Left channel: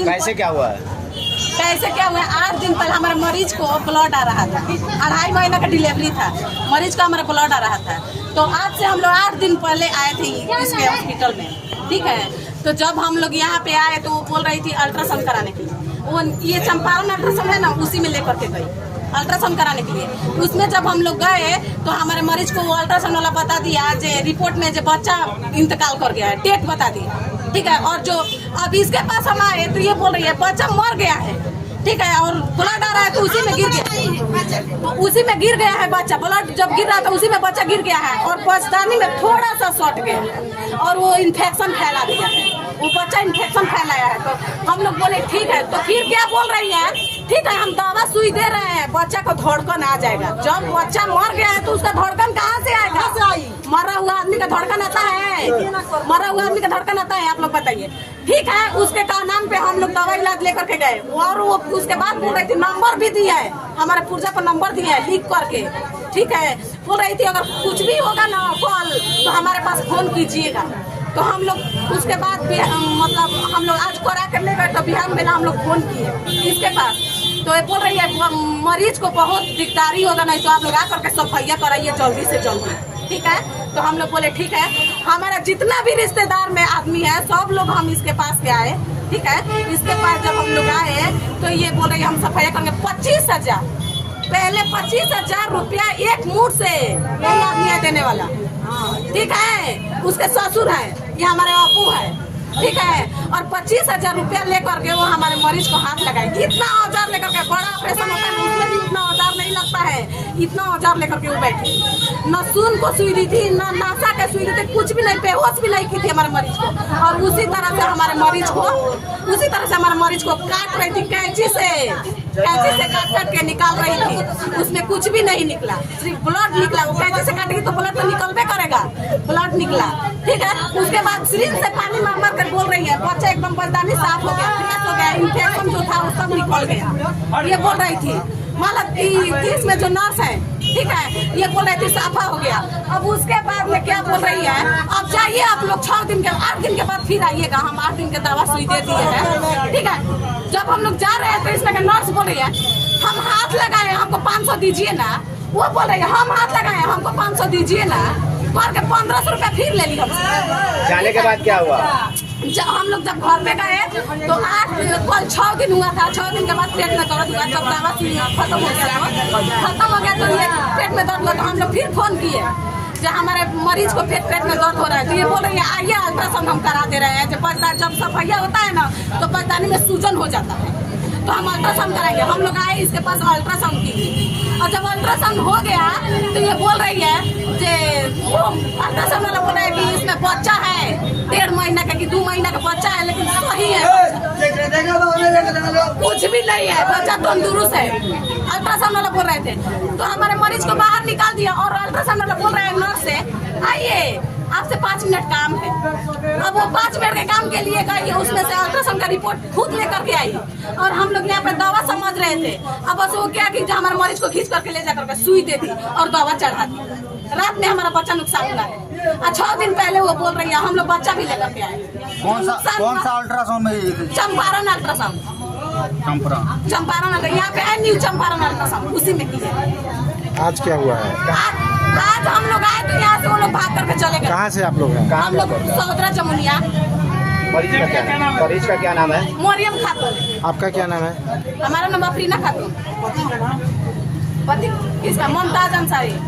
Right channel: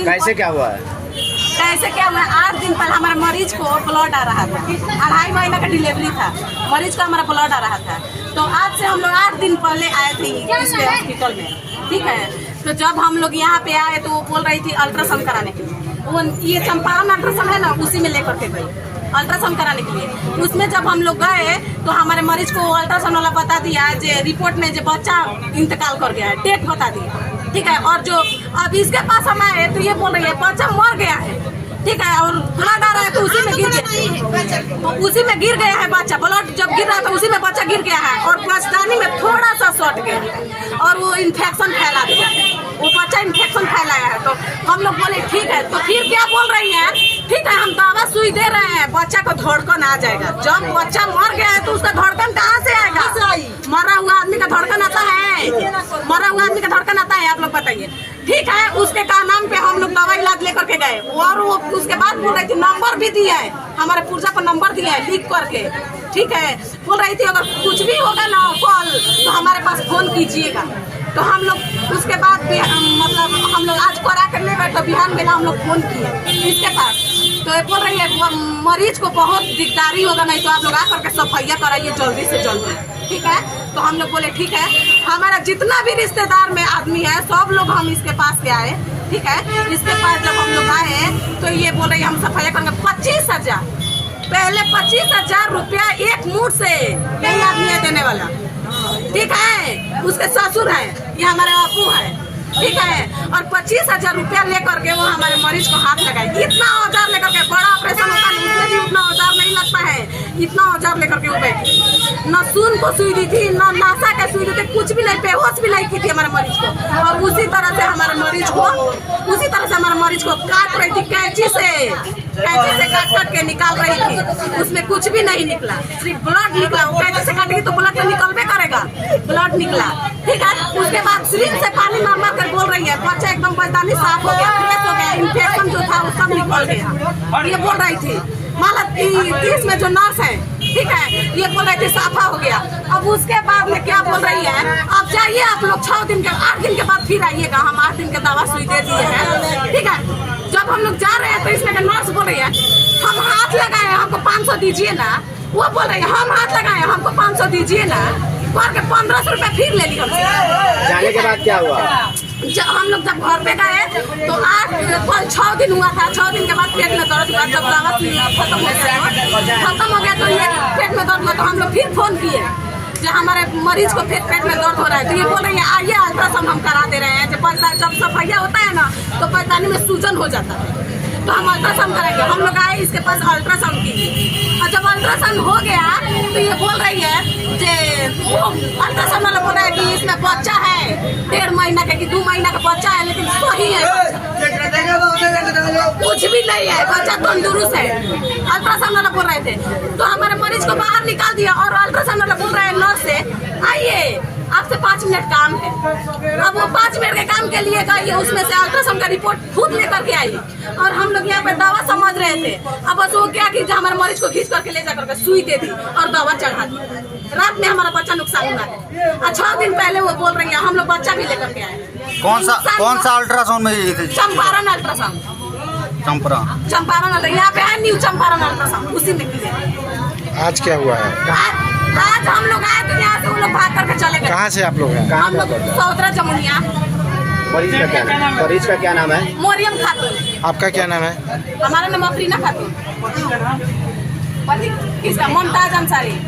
दिन कैसे क्या हुआ है? कैसे क्या हुआ? 8 दिन पहले हमारे मरीज को ब्लड आ रहा था, 2.5 महीना का डिलीवरी था, मरीज का हमारा ब्लड आ रहा था। तो आज से हम लोग 8 दिन पहले आए थे इसके हॉस्पिटल में, ठीक है। तो जब हम लोग यहाँ पे आए तो वो बोल रही थी अल्ट्रासाउंड कराने के लिए, वो ये चंपारण अल्ट्रासाउंड है ना, उसी में लेकर के गई अल्ट्रासाउंड कराने के लिए। उसमें जब हम लोग गए तो हमारे मरीज को अल्ट्रासाउंड वाला बता दिया जे रिपोर्ट में जो बच्चा इंतकाल कर गया है, डेट बता दिया, ठीक है। और जो अब इसके पास हम आए तो ये बोल रही है बच्चा मर गया है, ठीक है, और ब्लड आ रहा है तो उसी में गिर गया, तो उसी में गिर गया है बच्चा, ब्लड जब गिर रहा था उसी में बच्चा गिर गया है और बचदानी में थोड़ा सा सट गया है और वो इन्फेक्शन फैला दिया है, वो बच्चा इन्फेक्शन फैलाया है। तो हम लोग बोले ठीक है, तो फिर क्या बोल रही है, ठीक है हम दवा सुई दे रहे हैं, बच्चा को धड़कन आ जाएगा। जब बच्चा मर गया है तो उसका धड़कन कहाँ से आएगा? मरा हुआ आदमी का धड़कन आता है? मरा हुआ आदमी का धड़कन आता है? आप लोग बताइए, ठीक है। उसके का नाम पे हम लोग दवा इलाज लेकर के गए और वो उसके बाद बोल रही थी नंबर भी दिया है, हमारे पुर्जा पर नंबर दिया है लिख करके, ठीक है। बोल रही थी अगर कुछ भी होगा ना कॉल तो हमारे पास फोन कीजिएगा। तो हम लोग उसके बाद मतलब हम लोग आज करा कर ले गए तो बिहान में हम लोग फोन किए इसके पास, तो ये बोल रही है मरीज को बहुत दिकदारी होगा, नहीं तो आप लोग आकर के सफाइया कराइए जल्दी से जल्दी, ठीक है। तो हम लोग बोले ठीक है, हमारा जितना भी रिश्तेदार में आदमी है सब लोग हम इसके पास से आए, ठीक है। इसके पास जब हम लोग आए तो ये बोल रही हम सफाइया करेंगे 25,000, पहले 25,000 रुपया एक मुठ से यही आदमी है देने वाला, ठीक है। उसके ससुर है, ये हमारे बापू है, ठीक है। और 25,000 रुपया लेकर के वो हमारे मरीज को हाथ लगाए। इतना औजार लेकर के, बड़ा ऑपरेशन होता है उसमें भी उतना औजार नहीं लगता है, इतना औजार लेकर के वो बैठी, न सून को सुई दी थी, न नासा के सुई दी थी, कुछ भी नहीं, बेहोश भी नहीं की थी हमारे मरीज को। और उसी तरह से हमारे मरीज को काट रही थी कैंची से काट के निकाल रही थी, उसमें कुछ भी नहीं निकला, सिर्फ ब्लड निकला। वो कैंची से काटेगी तो ब्लड तो निकलबे करेगा, ब्लड निकला, ठीक है। उसके बाद सिरिंज से पानी मार मार कर बोल रही है बच्चा एकदम बचदानी साफ हो गया, फ्रेश हो गया, इन्फेक्शन जो था वो सब निकल गया, ये बोल रही थी। मतलब 30 में जो नर्स है, ठीक है, ये बोल रही थी साफा हो गया। अब उसके बाद में क्या बोल रही है, अब जाइए आप लोग 8 दिन के बाद फिर आइएगा, हम 8 दिन के दवा सुई दे दिए हैं, ठीक है। जब हम लोग जा रहे हैं तो इसमें नर्स बोल रही है हम हाथ लगाए हमको 500 दीजिए ना, वो बोल रही है हम हाथ लगाए हमको 500 दीजिए ना, करके 1500 रुपया फिर ले ली हमसे। जाने के बाद क्या हुआ? हम लोग जब घर पे गए तो 6 दिन हुआ था, 6 दिन के बाद पेट में दर्द हुआ, जब दवा खत्म हो गया तो ये पेट में दर्द हुआ तो हम लोग फिर फोन किए जो हमारे मरीज को पेट में दर्द हो रहा है, तो ये बोल रही है आइए अल्ट्रासाउंड हम करा दे रहे हैं। जब सफाइया होता है ना तो बचदानी में सूजन हो जाता है, तो हम अल्ट्रासाउंड कराएंगे। हम लोग आए इसके पास अल्ट्रासाउंड कीजिए, और जब अल्ट्रासाउंड हो गया तो ये बोल रही है कि अल्ट्रासाउंड वाला बोल रहा है कि इसमें बच्चा है 1.5 महीना का कि 2 महीना का बच्चा है, लेकिन सही है, कुछ भी नहीं है, बच्चा तंदुरुस्त है। अल्ट्रासाउंड वाला बोल रहे थे, तो हमारे मरीज को बाहर निकाल दिया और अल्ट्रासाउंड वाला बोल रहा है नर्स से आइए आपसे 5 मिनट काम है। अब वो 5 मिनट के काम के लिए गई, उसमें से अल्ट्रासाउंड का रिपोर्ट खुद लेकर के आई और हम लोग यहाँ पे दवा समझ रहे थे। अब बस वो क्या कि हमारे मरीज को खींच करके ले जाकर के सुई दे दी और दवा चढ़ा दी। रात में हमारा बच्चा नुकसान हुआ है, और 6 दिन पहले वो बोल रही है हम लोग बच्चा भी लेकर के आए। कौन सा अल्ट्रासाउंड में? चंपारण अल्ट्रासाउंड, चंपारण यहाँ पे है न्यू चंपारण अल्ट्रासाउंड, उसी में की। आज क्या हुआ है? आज हम लोग आए तो यहाँ से वो लोग भाग करके चले गए। कहाँ से आप लोग हैं? हम लोग सौदरा जमुनिया। मरीज का क्या नाम है? मोरियम खातून। आपका क्या नाम है? हमारा नाम अफरीना खातून। किसका? मुमताज अंसारी।